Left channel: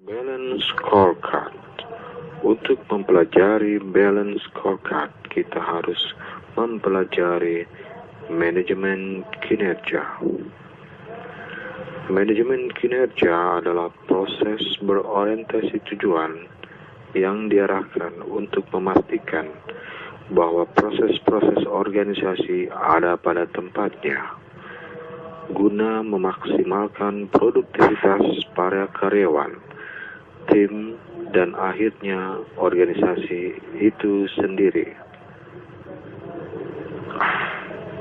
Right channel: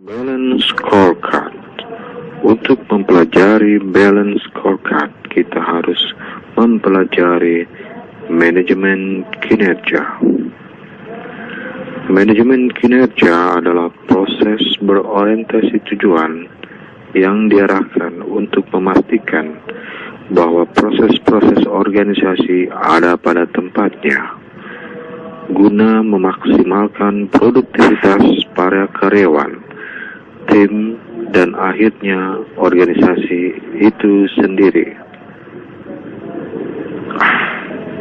Balance Scorecard. Untuk mempelajari Balance Scorecard, kita harus mempelajari manajemen kinerja. Manajemen kinerja adalah proses berorientasi tujuan yang diarahkan untuk memastikan bahwa proses-proses organisasi ada pada tempatnya, guna memaksimalkan produktivitas para karyawan, tim, dan akhirnya organisasi itu sendiri.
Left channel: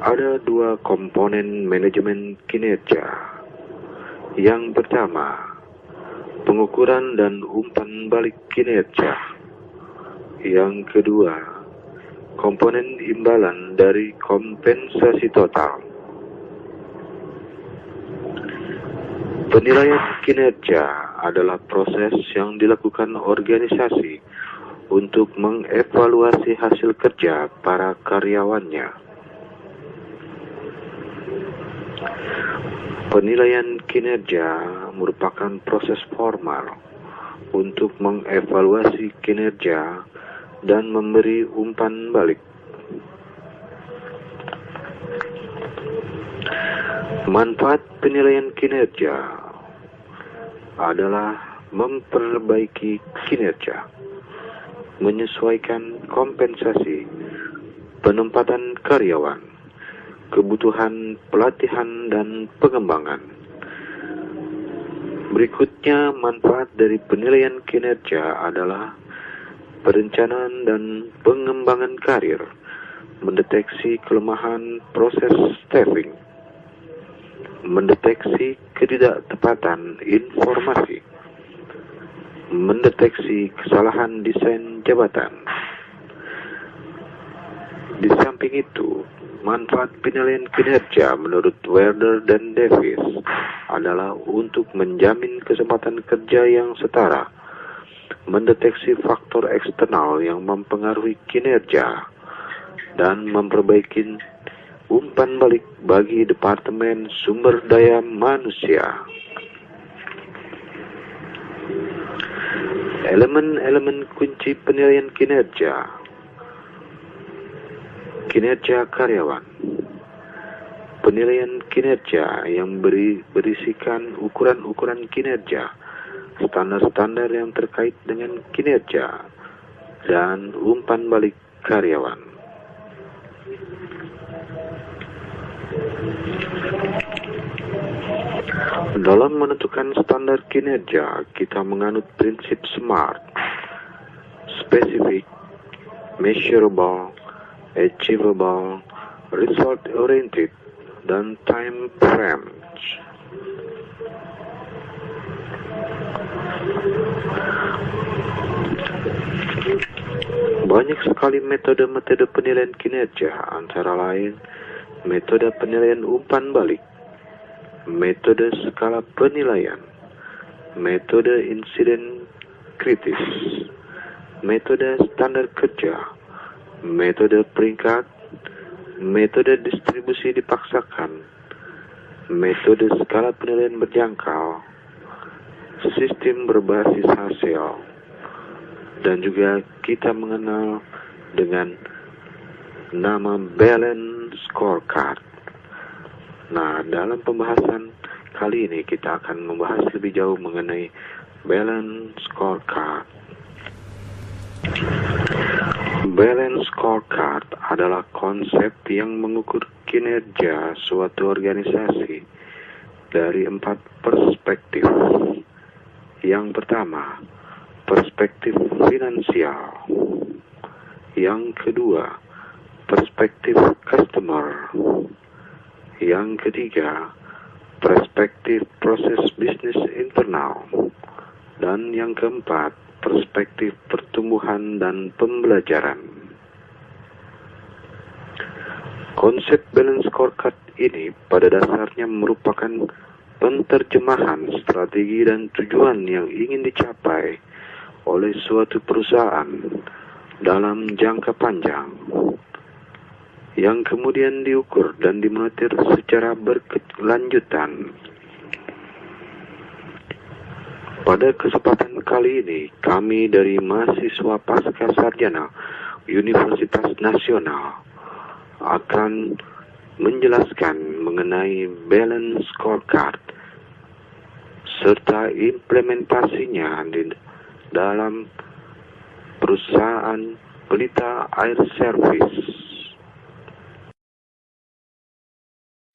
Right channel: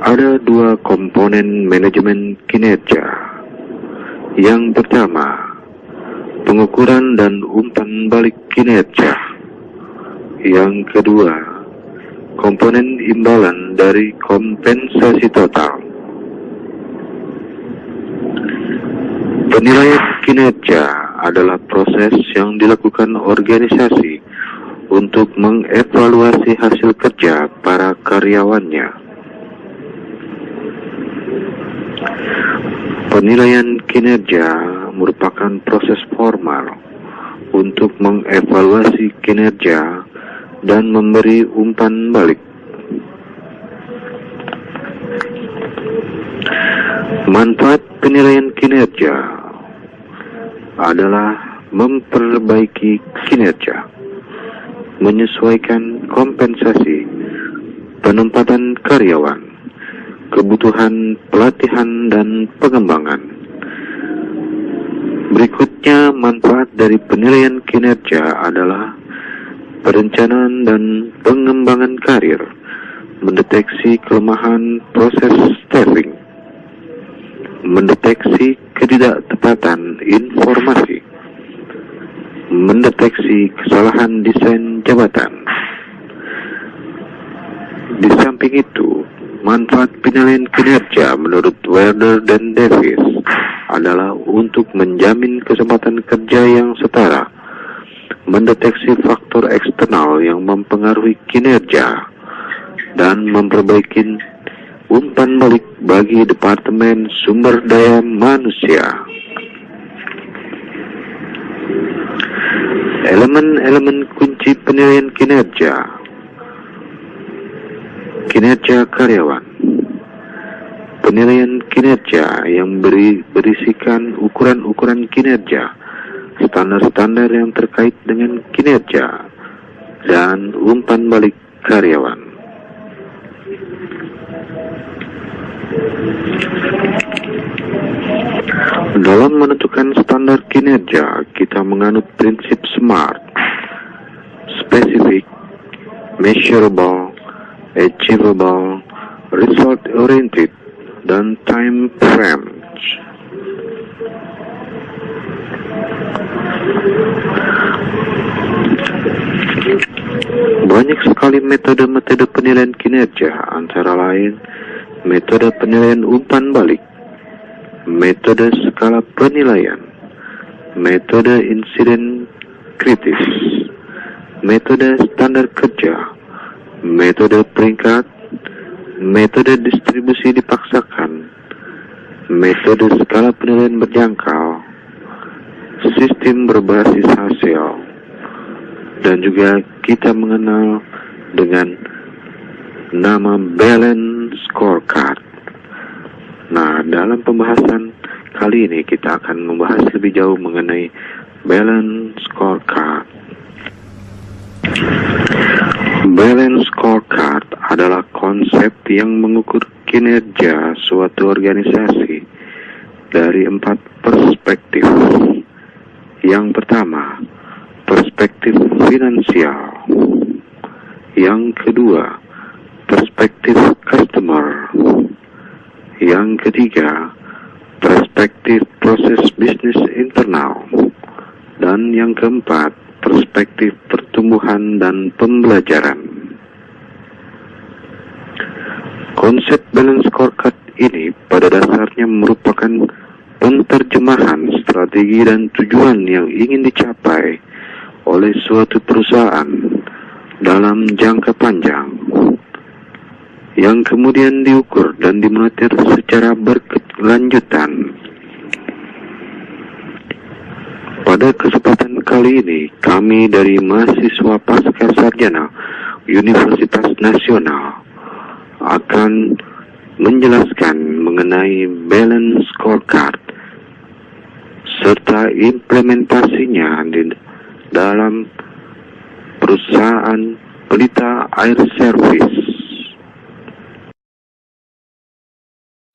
Ada dua komponen manajemen kinerja. Yang pertama, pengukuran dan umpan balik kinerja. Yang kedua, komponen imbalan dari kompensasi total. Penilaian kinerja adalah proses yang dilakukan organisasi untuk mengevaluasi hasil kerja para karyawannya. Penilaian kinerja merupakan proses formal untuk mengevaluasi kinerja dan memberi umpan balik. Manfaat penilaian kinerja adalah memperbaiki kinerja, menyesuaikan kompensasi, penempatan karyawan, kebutuhan pelatihan dan pengembangan. Berikutnya, manfaat dari penilaian kinerja adalah perencanaan dan pengembangan karir, mendeteksi kelemahan proses staffing, mendeteksi ketidaktepatan informasi, mendeteksi kesalahan desain jabatan. Di samping itu, manfaat penilaian kinerja menurut Werner dan Davis adalah untuk menjamin kesempatan kerja yang setara, mendeteksi faktor eksternal yang mempengaruhi kinerja, dan memperbaiki umpan balik bagi Departemen Sumber Daya Manusia. Elemen-elemen kunci penilaian kinerja. Kinerja karyawan. Penilaian kinerja yang berisikan ukuran-ukuran kinerja, standar-standar yang terkait dengan kinerja, dan umpan balik karyawan. Dalam menentukan standar kinerja, kita menganut prinsip SMART: specific, measurable, achievable, result-oriented, dan time frame. Banyak sekali metode-metode penilaian kinerja, antara lain metode penilaian umpan balik, metode skala penilaian, metode insiden kritis, metode standar kerja, metode peringkat, metode distribusi dipaksakan, metode skala penilaian berjangkau, sistem berbasis hasil, dan juga kita mengenal dengan nama Balance Scorecard. Nah, dalam pembahasan kali ini kita akan membahas lebih jauh mengenai Balance Scorecard. Balance Scorecard adalah konsep yang mengukur kinerja suatu organisasi dari 4 perspektif. Yang pertama, perspektif finansial. Yang kedua, perspektif customer. Yang ketiga, perspektif proses bisnis internal. Dan yang keempat, perspektif pertumbuhan dan pembelajaran. Konsep Balance Scorecard ini pada dasarnya merupakan penterjemahan strategi dan tujuan yang ingin dicapai oleh suatu perusahaan dalam jangka panjang, yang kemudian diukur dan dimonitor secara berkelanjutan. Pada kesempatan kali ini, kami dari mahasiswa Pasca Sarjana Universitas Nasional akan menjelaskan mengenai balance scorecard serta implementasinya di dalam perusahaan Pelita Air Service.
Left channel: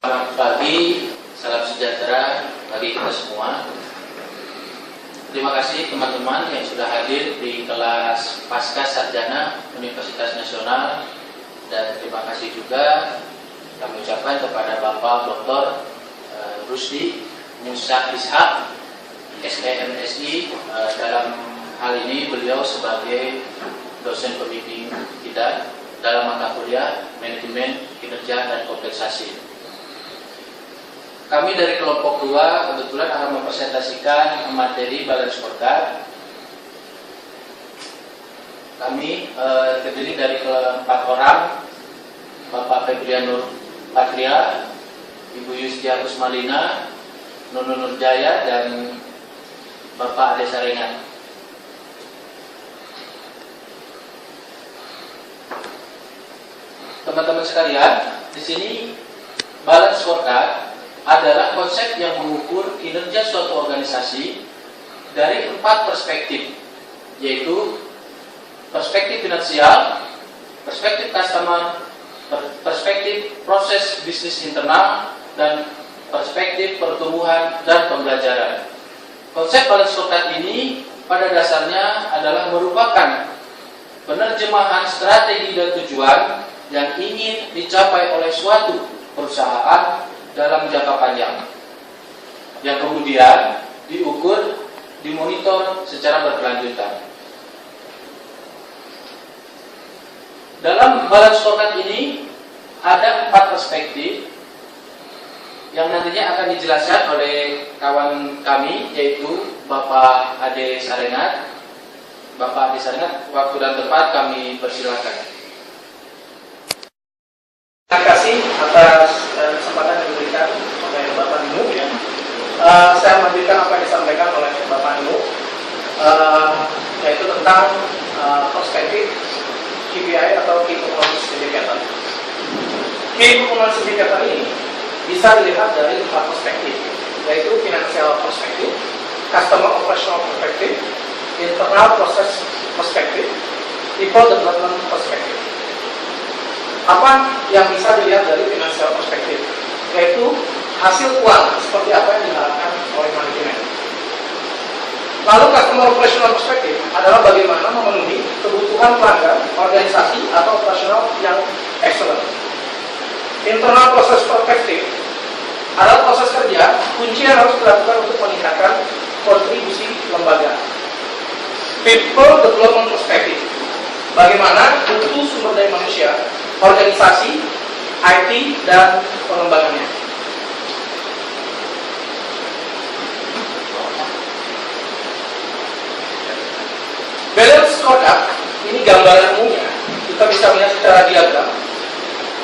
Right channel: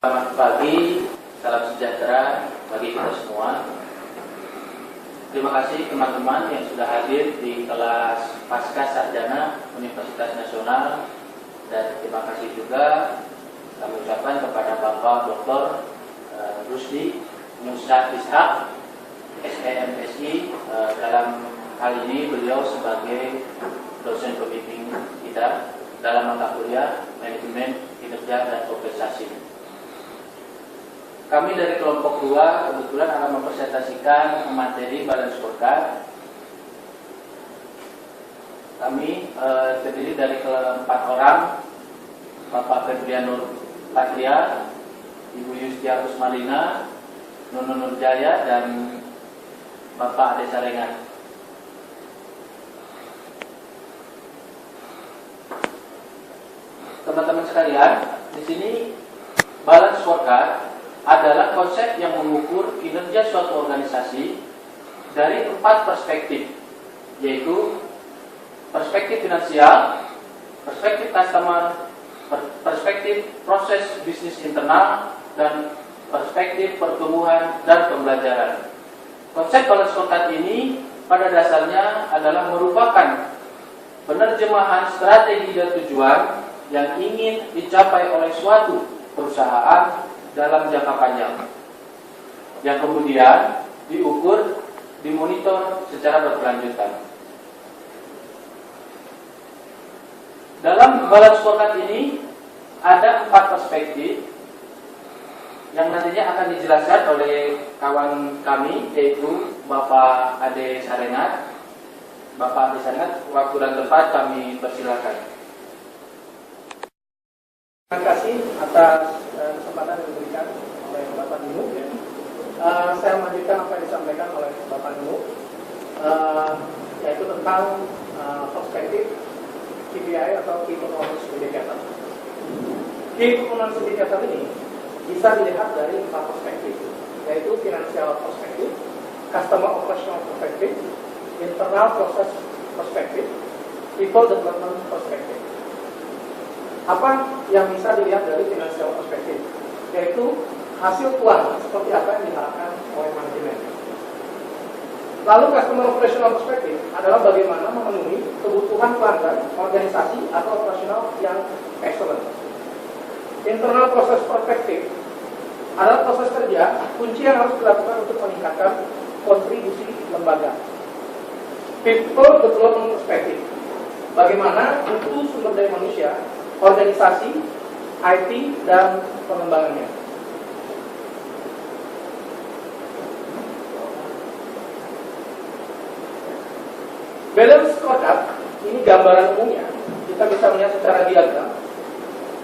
Selamat pagi, salam sejahtera bagi kita semua. Terima kasih teman-teman yang sudah hadir di kelas Pasca Sarjana Universitas Nasional, dan terima kasih juga kami ucapkan kepada Bapak Dr. Rusdi Musa Ishak, SPMSI. Dalam hal ini beliau sebagai dosen pembimbing kita dalam mata kuliah Manajemen Kinerja dan Kompensasi. Kami dari kelompok 2 kebetulan akan mempresentasikan materi balance scorecard. Kami terdiri dari 4 orang, Bapak Febrianur Patria, Ibu Yustia Kusmalina, Nunun Nurjaya, dan Bapak Ade Sarengan. Teman-teman sekalian, di sini balance scorecard adalah konsep yang mengukur kinerja suatu organisasi dari 4 perspektif, yaitu perspektif finansial, perspektif customer, perspektif proses bisnis internal, dan perspektif pertumbuhan dan pembelajaran. Konsep balance scorecard ini pada dasarnya adalah merupakan penerjemahan strategi dan tujuan yang ingin dicapai oleh suatu perusahaan dalam jangka panjang, yang kemudian diukur, dimonitor secara berkelanjutan. Dalam balance scorecard ini ada 4 perspektif yang nantinya akan dijelaskan oleh kawan kami, yaitu Bapak Ade Sarengat. Bapak Ade Sarengat, waktu dan tempat kami persilakan. Terima kasih atas kesempatan yang diberikan oleh Bapak Ninu. Saya memberikan apa yang disampaikan oleh Bapak Ninu, yaitu tentang perspektif KPI atau Key Performance Indicator. Key Performance Indicator ini bisa dilihat dari 4 perspektif, yaitu financial perspektif, customer operational perspektif, internal process perspektif, people development perspektif. Apa yang bisa dilihat dari financial perspektif, yaitu hasil keuangan seperti apa yang diharapkan oleh manajemen. Lalu customer operational perspektif adalah bagaimana memenuhi kebutuhan pelanggan organisasi atau operasional yang excellent. Internal process perspektif adalah proses kerja kunci yang harus dilakukan untuk meningkatkan kontribusi lembaga. People development perspektif, bagaimana butuh sumber daya manusia, organisasi, IT, dan pengembangannya. Balance scorecard, ini gambaran umumnya, kita bisa melihat secara diagram.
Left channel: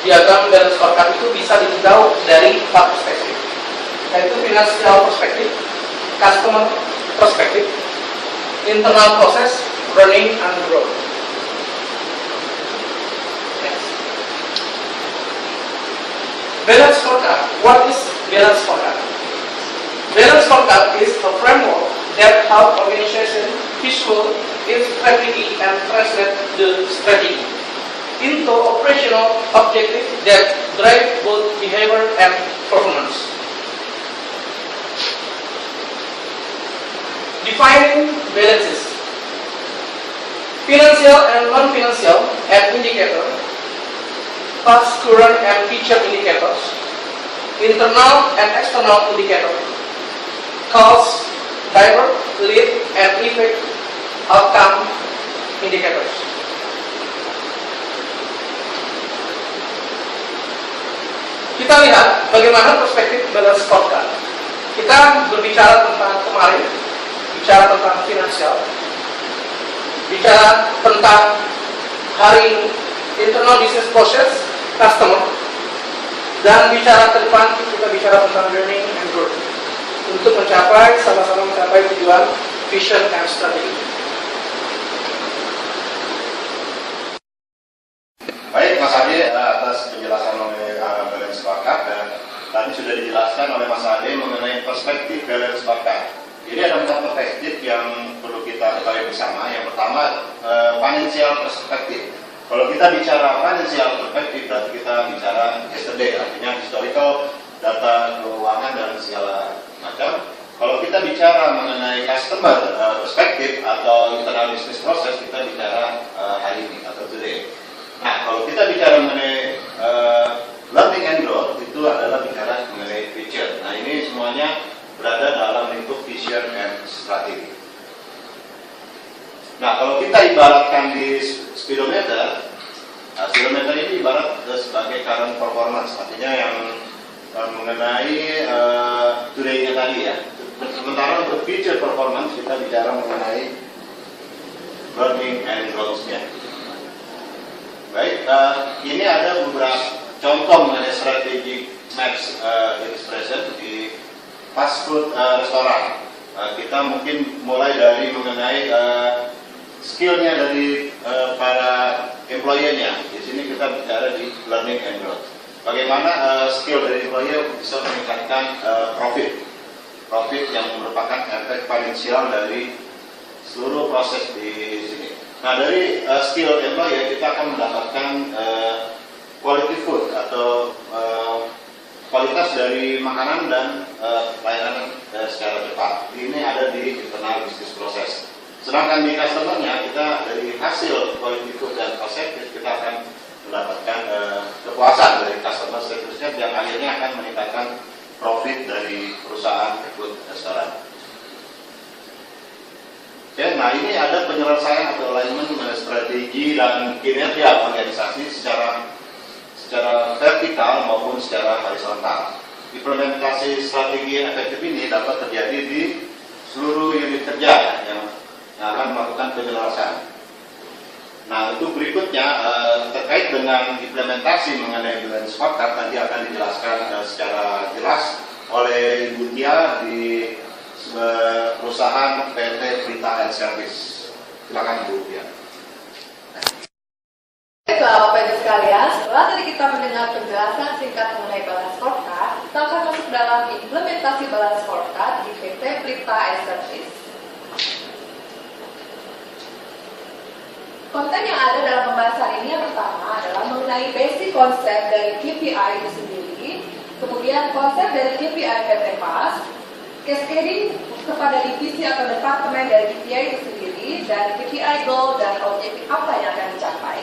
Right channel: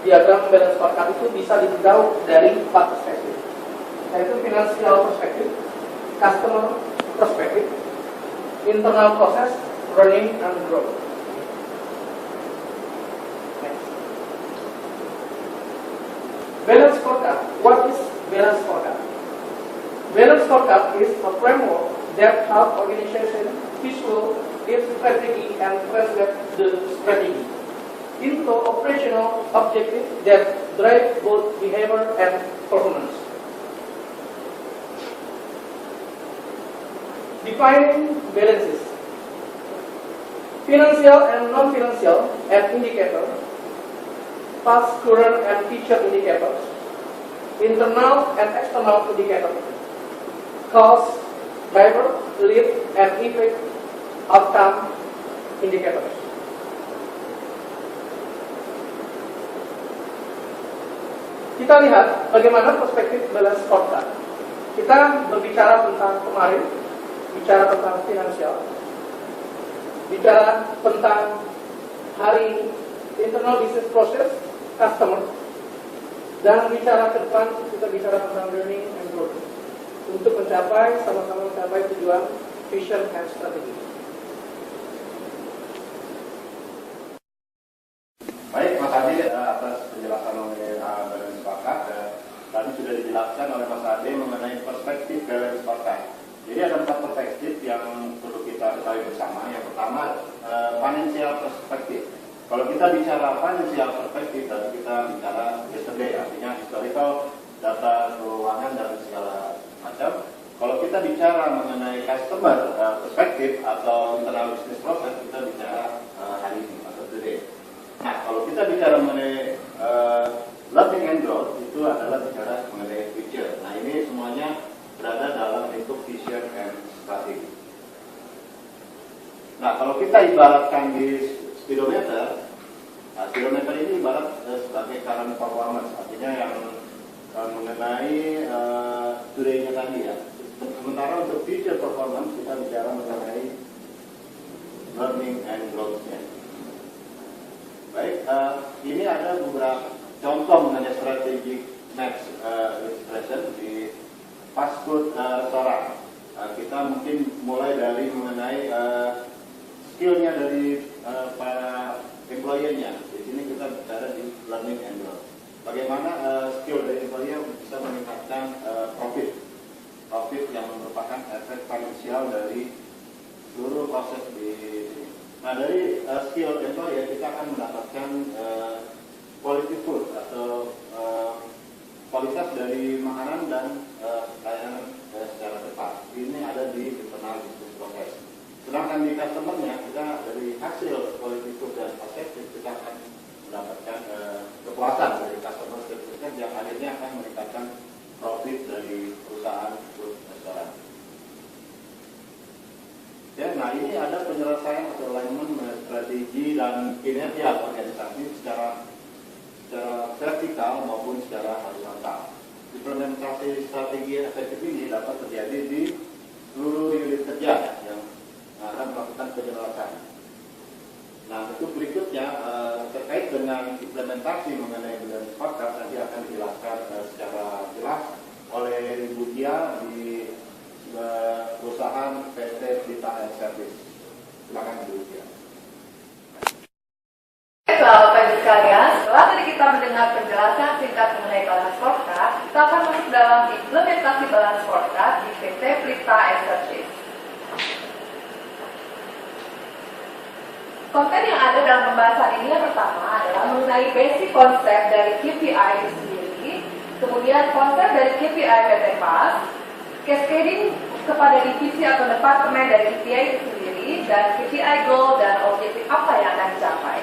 Diagram balance scorecard itu bisa ditinjau dari 4 perspektif, yaitu financial perspektif, customer perspektif, internal process, running and growth. Balance scorecard. What is balance scorecard? Balance scorecard is a framework that helps organization visual its strategy and translate the strategy into operational objectives that drive both behavior and performance. Defining balances. Financial and non-financial indicators, past, current, and future indicators, internal and external indicators, cost, driver, lead, and effect outcome indicators. Kita lihat bagaimana perspektif balance scorecard. Kita berbicara tentang kemarin, bicara tentang finansial, bicara tentang hari ini, internal business process, customer, dan bicara ke depan kita bicara tentang learning and growth untuk mencapai, sama-sama mencapai tujuan vision and strategy. Baik, Mas Ade, atas penjelasan oleh balance scorecard, dan tadi sudah dijelaskan oleh Mas Ade mengenai perspektif balance scorecard. Jadi ada 4 perspektif yang perlu kita ketahui bersama. Yang pertama, financial perspective. Kalau kita bicara financial perspective, berarti kita bicara yesterday, artinya historical, data keuangan dan segala macam. Kalau kita bicara mengenai customer perspective atau internal business process, kita bicara hari ini atau today. Nah, kalau kita bicara mengenai learning and growth, itu adalah bicara mengenai future. Nah, ini semuanya berada dalam lingkup vision and strategy. Nah, kalau kita ibaratkan di speedometer, speedometer ini ibarat sebagai current performance, artinya yang mengenai today-nya tadi ya. Sementara untuk future performance kita bicara mengenai learning and growth-nya. Baik, ini ada beberapa contoh mengenai strategic maps expression di fast food restoran. Kita mungkin mulai dari mengenai skillnya dari para employee-nya. Di sini kita bicara di learning and growth. Bagaimana skill dari employee bisa meningkatkan profit yang merupakan efek finansial dari seluruh proses di sini. Nah, dari skill employee kita akan mendapatkan quality food atau kualitas dari makanan dan layanan secara cepat. Ini ada di internal business process. Sedangkan di customer-nya kita dari hasil quality food dan cost service kita akan mendapatkan kepuasan dari customer service-nya yang akhirnya akan meningkatkan profit dari perusahaan food restoran. Oke, nah ini ada penyelesaian atau alignment mengenai strategi dan kinerja organisasi secara vertikal maupun secara horizontal. Implementasi strategi yang efektif ini dapat terjadi di seluruh unit kerja yang akan melakukan penyelesaian. Nah, untuk berikutnya terkait dengan implementasi mengenai balance scorecard tadi akan dijelaskan secara jelas oleh Ibu Tia di perusahaan PT Prita and Service. Silakan Bu Tia. Bapak Ibu sekalian, setelah tadi kita mendengar penjelasan singkat mengenai balance scorecard, kita akan masuk dalam implementasi balance scorecard di PT Prita and Service. Konten yang ada dalam pembahasan ini yang pertama adalah mengenai basic konsep dari KPI itu sendiri, kemudian konsep dari KPI PT PAS, cascading kepada divisi atau departemen dari KPI itu sendiri, dan KPI goal dan objektif apa yang akan dicapai.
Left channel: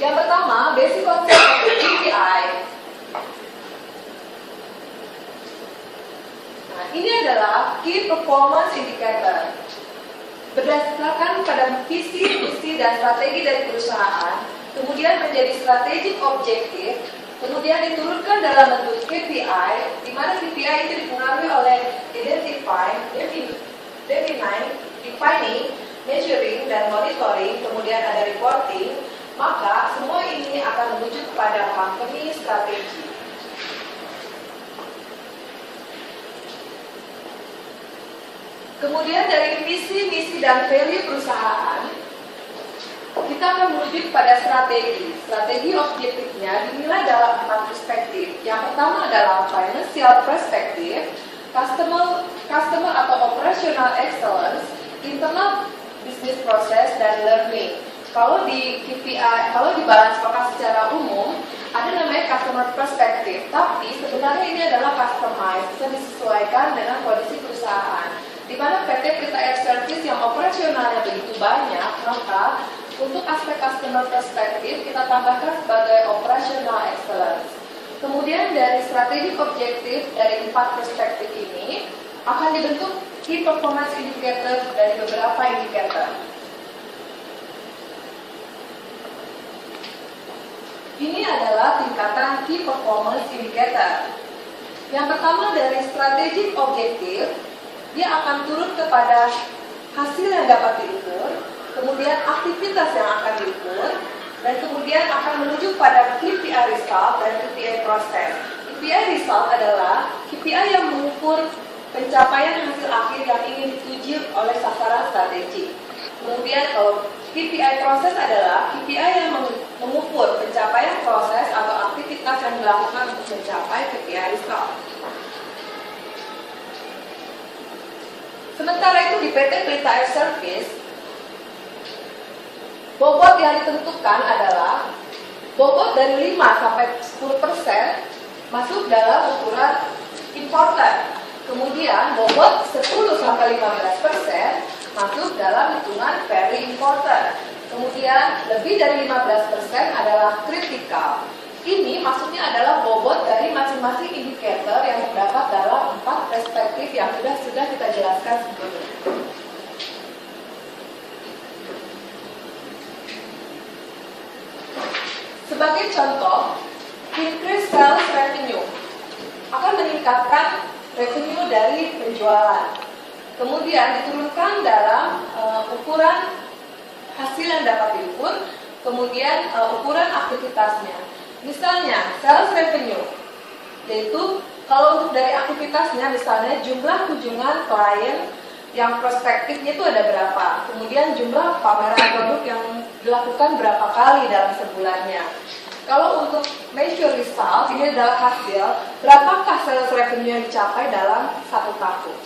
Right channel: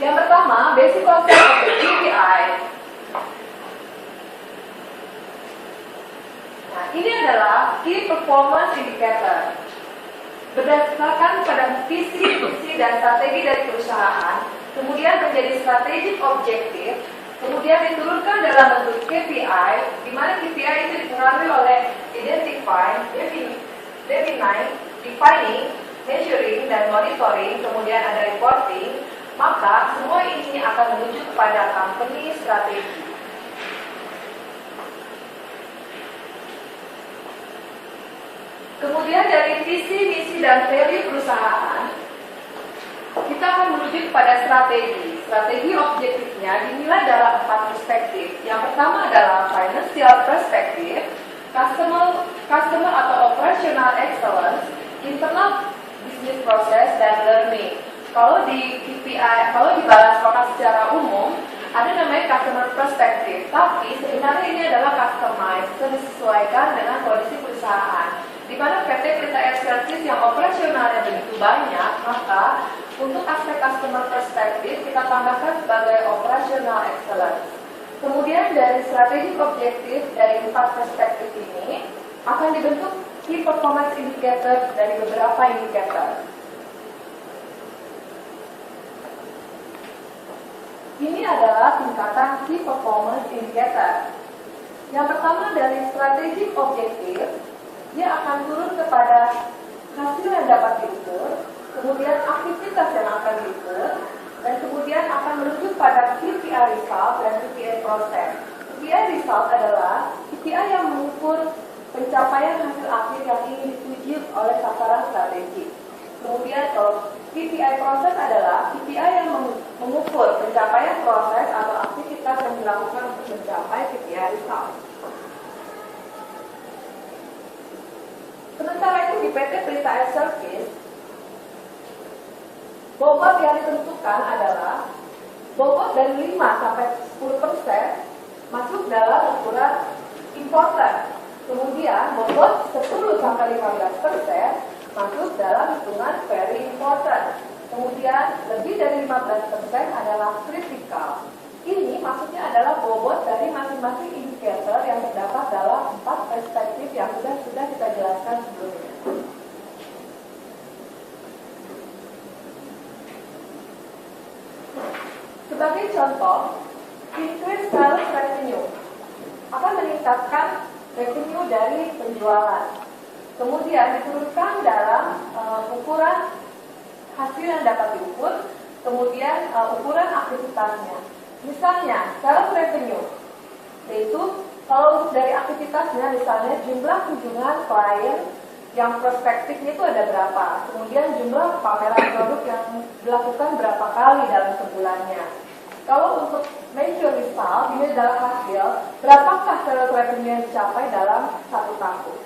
Yang pertama, basic konsep dari KPI. Nah, ini adalah Key Performance Indicator. Berdasarkan pada visi, misi, dan strategi dari perusahaan, kemudian menjadi strategic objektif, kemudian diturunkan dalam bentuk KPI, di mana KPI itu dipengaruhi oleh identifying, defining, measuring, dan monitoring, kemudian ada reporting, maka semua ini akan menuju kepada company strategi. Kemudian dari visi, misi, dan value perusahaan, kita akan menuju kepada strategi. Strategi objektifnya dinilai dalam 4 perspektif. Yang pertama adalah financial perspective, customer atau operational excellence, internal business process, dan learning. Kalau di KPI, kalau di balance scorecard secara umum, ada namanya customer perspective, tapi sebenarnya ini adalah customized, disesuaikan dengan kondisi perusahaan. Di mana PT Prita Air Service yang operasionalnya begitu banyak, maka untuk aspek customer perspective kita tambahkan sebagai operational excellence. Kemudian dari strategi objektif dari 4 perspektif ini akan dibentuk key performance indicator dari beberapa indikator. Ini adalah tingkatan key performance indicator. Yang pertama dari strategic objektif, dia akan turun kepada hasil yang dapat diukur, kemudian aktivitas yang akan diukur, dan kemudian akan menuju pada KPI result dan KPI proses. KPI result adalah KPI yang mengukur pencapaian hasil akhir yang ingin dituju oleh sasaran strategi. Kemudian KPI proses adalah KPI yang mengukur pencapaian proses atau aktivitas yang dilakukan untuk mencapai KPI result. Sementara itu di PT Pelita Air Service, bobot yang ditentukan adalah bobot dari 5 sampai 10% masuk dalam ukuran imported. Kemudian bobot 10 sampai 15% masuk dalam hitungan very important. Kemudian lebih dari 15% adalah critical. Ini maksudnya adalah bobot dari masing-masing indikator yang terdapat dalam 4 perspektif yang sudah kita jelaskan sebelumnya. Sebagai contoh, increase sales revenue akan meningkatkan revenue dari penjualan. Kemudian diturunkan dalam ukuran hasil yang dapat diukur, kemudian ukuran aktivitasnya. Misalnya, sales revenue, yaitu kalau untuk dari aktivitasnya, misalnya jumlah kunjungan klien yang prospektifnya itu ada berapa, kemudian jumlah pameran produk yang dilakukan berapa kali dalam sebulannya. Kalau untuk measure result, ini adalah hasil, berapakah sales revenue yang dicapai dalam 1 tahun.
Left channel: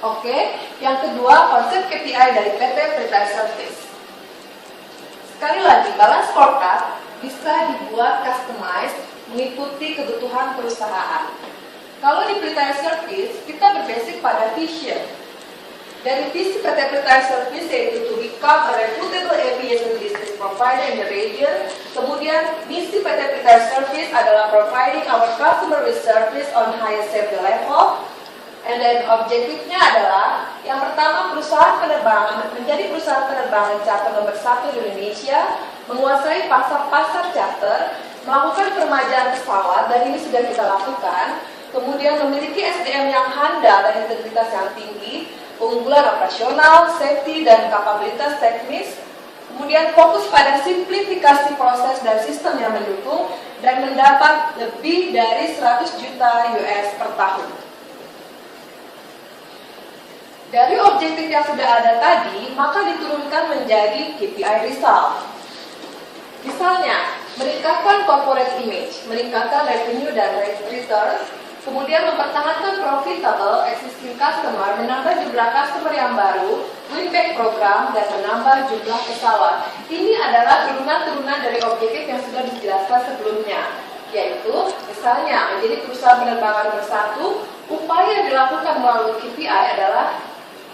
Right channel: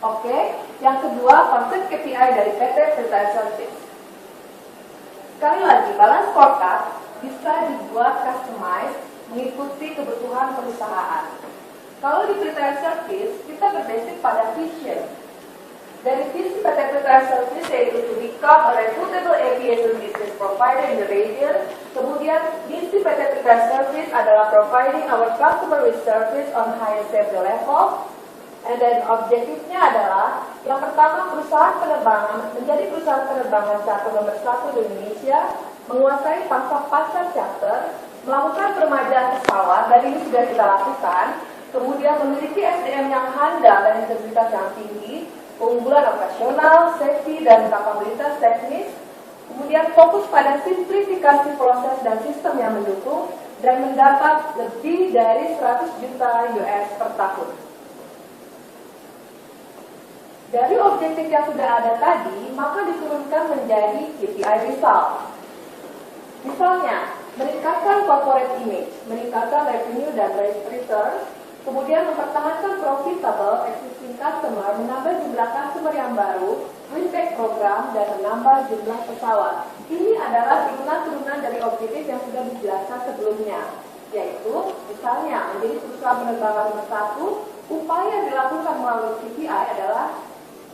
Oke, yang kedua konsep KPI dari PT Pelita Air Service. Sekali lagi, balance scorecard bisa dibuat customized mengikuti kebutuhan perusahaan. Kalau di Pelita Air Service, kita berbasic pada vision. Dari visi PT Pelita Air Service yaitu to become a reputable aviation business provider in the region. Kemudian misi PT Pelita Air Service adalah providing our customer with service on highest safety level. And then objektifnya adalah yang pertama, perusahaan penerbangan menjadi perusahaan penerbangan charter nomor 1 di Indonesia, menguasai pasar charter, melakukan peremajaan pesawat, dan ini sudah kita lakukan. Kemudian memiliki SDM yang handal dan integritas yang tinggi, keunggulan operasional, safety, dan kapabilitas teknis. Kemudian fokus pada simplifikasi proses dan sistem yang mendukung, dan mendapat lebih dari 100 juta US per tahun. Dari objektif yang sudah ada tadi, maka diturunkan menjadi KPI result. Misalnya, meningkatkan corporate image, meningkatkan revenue dan return, kemudian mempertahankan profitable existing customer, menambah jumlah customer yang baru, win back program, dan menambah jumlah pesawat. Ini adalah turunan-turunan dari objektif yang sudah dijelaskan sebelumnya, yaitu misalnya menjadi perusahaan penerbangan nomor 1, upaya yang dilakukan melalui KPI adalah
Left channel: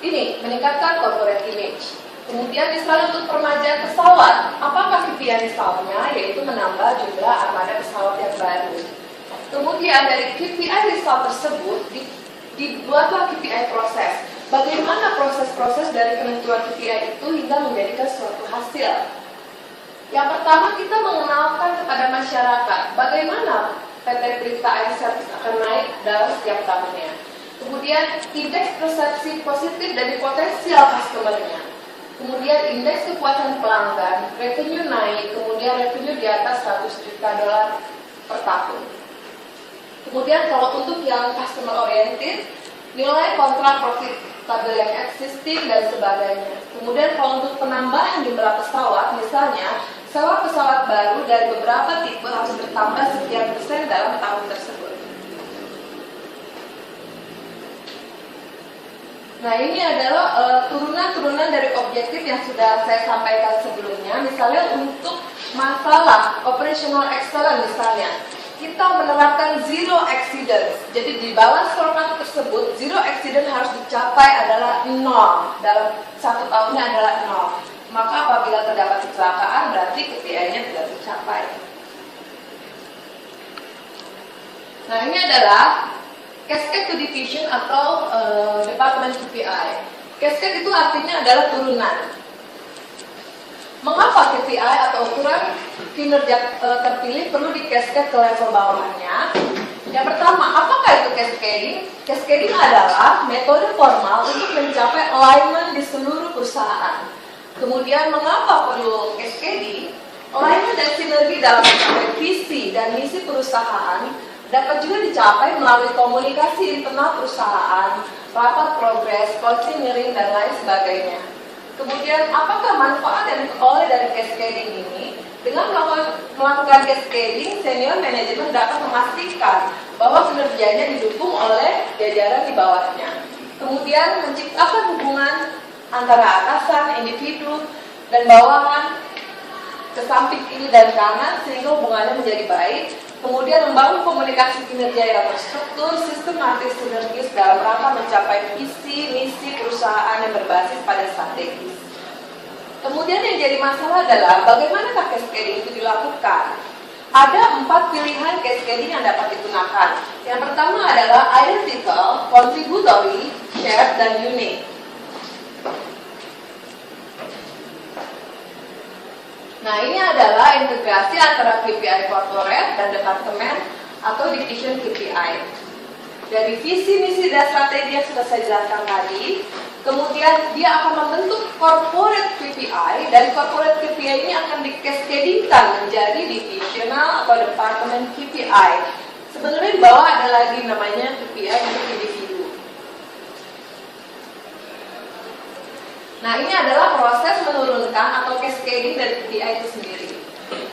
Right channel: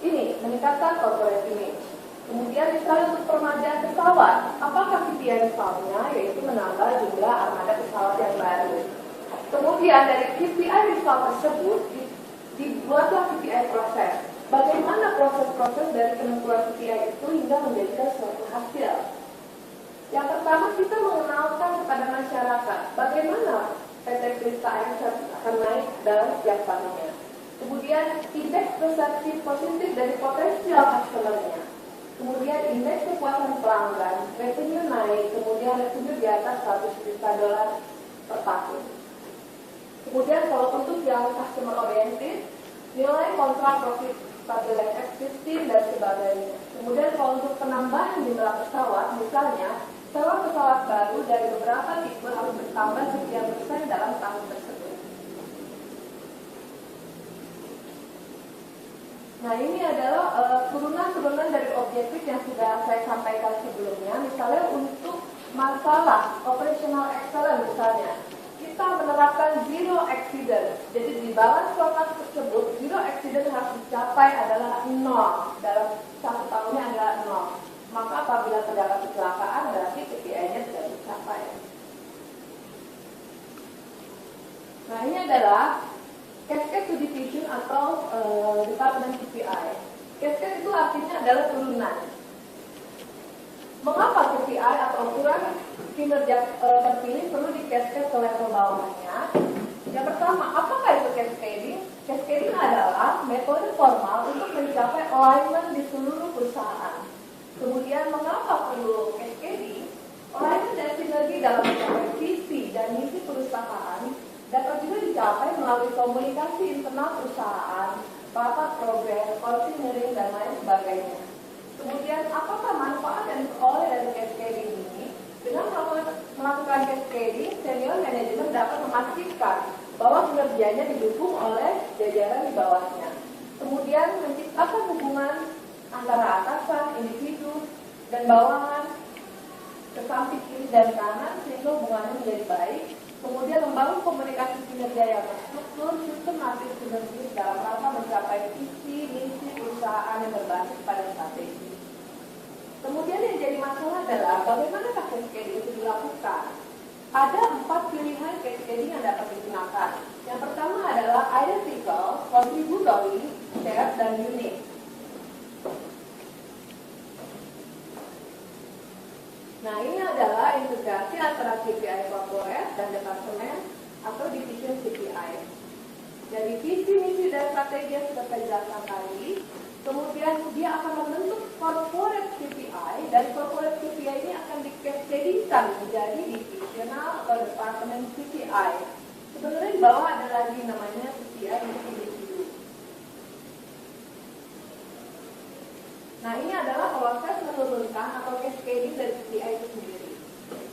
ini, meningkatkan corporate image. Kemudian misalnya untuk peremajaan pesawat, apakah KPI misalnya? Yaitu menambah jumlah armada pesawat yang baru. Kemudian dari KPI result tersebut dibuatlah KPI proses. Bagaimana proses-proses dari penentuan KPI itu hingga menjadikan suatu hasil. Yang pertama, kita mengenalkan kepada masyarakat bagaimana PT Pelita Air Service akan naik dalam setiap tahunnya. Kemudian indeks persepsi positif dari potensial customer-nya. Kemudian indeks kepuasan pelanggan, revenue naik, kemudian revenue di atas 100 juta dolar per tahun. Kemudian kalau untuk yang customer oriented, nilai kontrak profitable yang existing dan sebagainya. Kemudian kalau untuk penambahan jumlah pesawat, misalnya sewa pesawat baru dari beberapa tipe harus bertambah sekian persen dalam tahun tersebut. Nah, ini adalah turunan-turunan dari objektif yang sudah saya sampaikan sebelumnya. Misalnya untuk masalah operational excellence misalnya, kita menerapkan zero accidents. Jadi di balance scorecard tersebut, zero accident harus dicapai adalah 0. Dalam 1 tahunnya adalah 0. Maka apabila terdapat kecelakaan, berarti KPI-nya tidak tercapai. Nah, ini adalah cascade to division atau department KPI. Cascade itu artinya adalah turunan. Mengapa KPI atau ukuran kinerja terpilih perlu di cascade ke level bawahnya? Yang pertama, apakah itu cascading? Cascading adalah metode formal untuk mencapai alignment di seluruh perusahaan. Kemudian mengapa perlu cascading? Alignment dan sinergi dalam mencapai visi dan misi perusahaan dapat juga dicapai melalui komunikasi internal perusahaan, rapat progres, coaching, hearing, dan lain sebagainya. Kemudian, apakah manfaat yang diperoleh dari cascading ini? Dengan melakukan cascading, senior manajemen dapat memastikan bahwa kinerjanya didukung oleh jajaran di bawahnya. Kemudian, menciptakan hubungan antara atasan, individu, dan bawahan ke samping kiri dan kanan sehingga hubungannya menjadi baik. Kemudian membangun komunikasi kinerja yang terstruktur, sistematis, sinergis dalam rangka mencapai visi, misi perusahaan yang berbasis pada strategis. Kemudian yang jadi masalah adalah bagaimanakah cascading itu dilakukan? Ada 4 pilihan cascading yang dapat digunakan. Yang pertama adalah identical, contributory, shared, dan unique. Nah, ini adalah integrasi antara KPI corporate dan departemen atau division KPI. Dari visi, misi, dan strategi yang sudah saya jelaskan tadi, kemudian dia akan membentuk corporate KPI, dan corporate KPI ini akan dikascadingkan menjadi divisional atau departemen KPI. Sebenarnya di bawah ada lagi namanya KPI untuk individu. Nah, ini adalah proses menurunkan atau cascading dari KPI itu sendiri.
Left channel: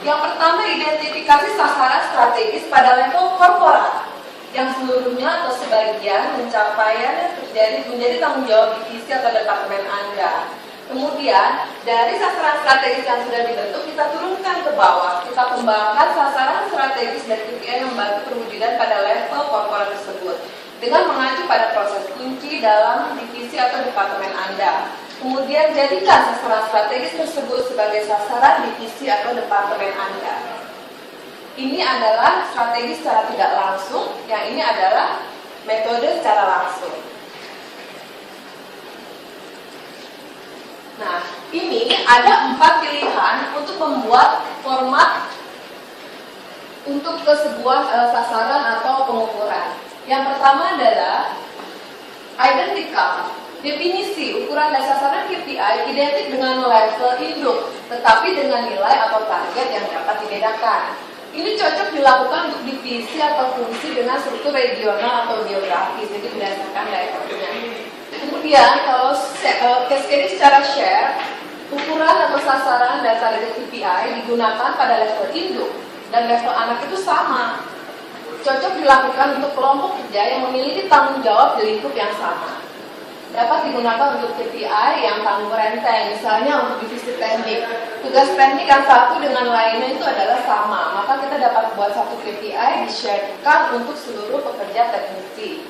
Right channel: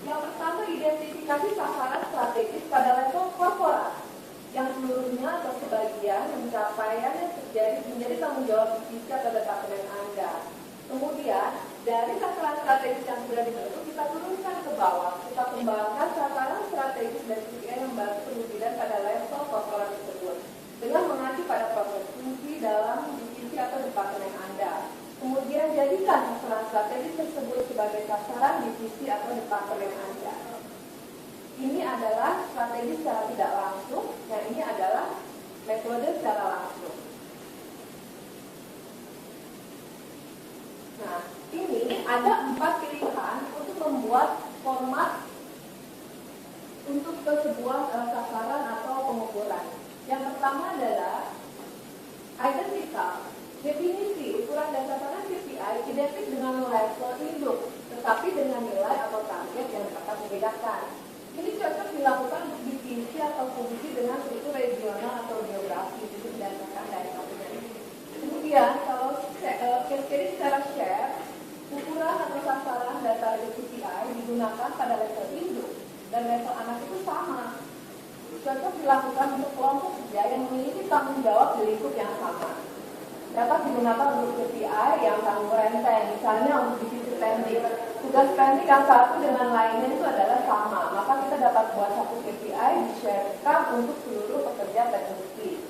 Yang pertama, identifikasi sasaran strategis pada level korporat, yang seluruhnya atau sebagian pencapaian yang terjadi menjadi tanggung jawab divisi atau departemen Anda. Kemudian, dari sasaran strategis yang sudah dibentuk, kita turunkan ke bawah. Kita kembangkan sasaran strategis dan KPI yang membantu perwujudan pada level korporat tersebut, dengan mengacu pada proses kunci dalam divisi atau departemen Anda. Kemudian jadikan sasaran strategis tersebut sebagai sasaran divisi atau departemen Anda. Ini adalah strategi secara tidak langsung, yang ini adalah metode secara langsung. Nah, ini ada 4 pilihan untuk membuat format untuk ke sebuah sasaran atau pengukuran. Yang pertama adalah identical. Definisi, ukuran dan sasaran KPI identik dengan level induk, tetapi dengan nilai atau target yang dapat dibedakan. Ini cocok dilakukan untuk divisi atau fungsi dengan struktur regional atau geografis, jadi berdasarkan daerahnya. Kemudian, kalau cascading secara share, ukuran atau sasaran dan target KPI digunakan pada level induk dan level anak itu sama. Cocok dilakukan untuk kelompok kerja yang memiliki tanggung jawab di lingkup yang sama. Dapat digunakan untuk KPI yang tanggung renteng, misalnya untuk divisi teknik. Tugas teknik yang satu dengan lainnya itu adalah sama, maka kita dapat buat satu KPI di-sharekan untuk seluruh pekerja teknisi.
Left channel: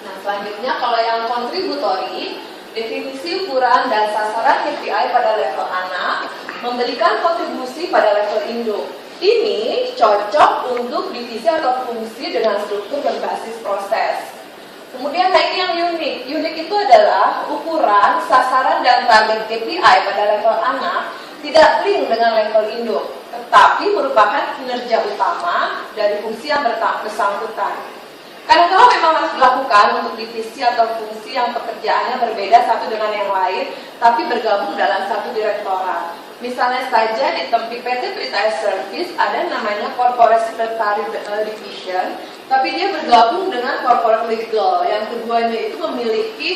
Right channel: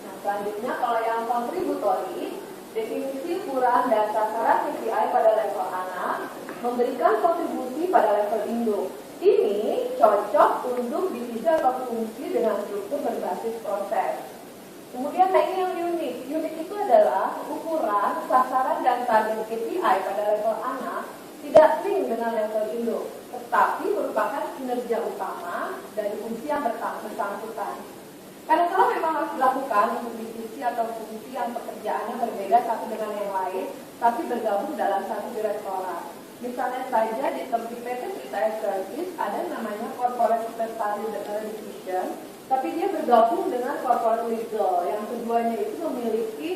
Nah, selanjutnya kalau yang kontributori, definisi ukuran dan sasaran KPI pada level anak, memberikan kontribusi pada level induk. Ini cocok untuk divisi atau fungsi dengan struktur berbasis proses. Kemudian ini yang unik. Unik itu adalah ukuran, sasaran, dan target KPI pada level anak tidak link dengan level induk, tetapi merupakan kinerja utama dari fungsi yang bersangkutan. Kadang-kadang memang harus dilakukan untuk divisi atau fungsi yang pekerjaannya berbeda satu dengan yang lain, tapi bergabung dalam satu direktorat. Misalnya saja di PT Prita Air Service ada namanya Corporate Secretary Division, tapi dia bergabung dengan Corporate Legal. Yang keduanya itu memiliki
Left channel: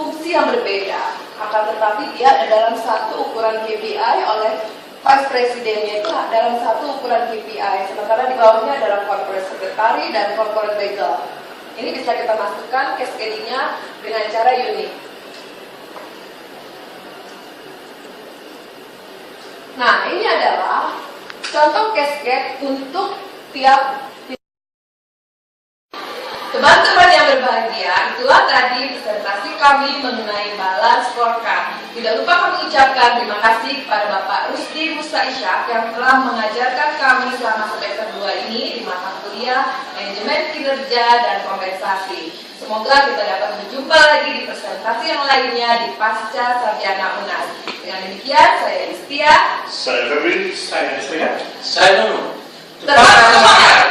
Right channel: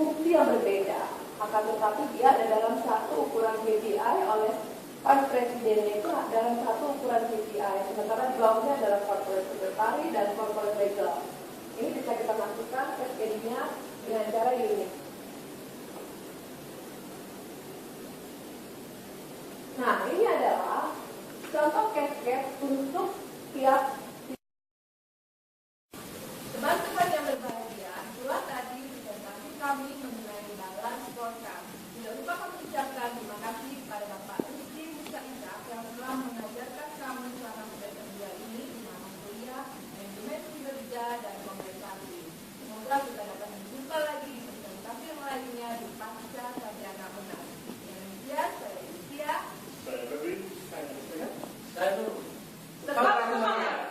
fungsi yang berbeda, akan tetapi dia ada dalam satu ukuran KPI oleh Vice Presidennya itu dalam satu ukuran KPI, sementara di bawahnya adalah Corporate Secretary dan Corporate Legal. Ini bisa kita masukkan cascading-nya dengan cara unik. Nah, ini adalah contoh cascade untuk tiap teman-teman yang berbahagia. Itulah tadi presentasi kami mengenai balance scorecard. Tidak lupa kami ucapkan terima kasih kepada Bapak Rusdi Musa Ishak yang telah mengajarkan kami selama semester 2 ini di mata kuliah Manajemen Kinerja dan Kompensasi. Semoga kita dapat berjumpa lagi di presentasi yang lainnya di Pasca Sarjana UNAS. Dengan demikian, saya Istia. Saya Febri. Saya Deswina. Saya Nunu. Tetap semangat!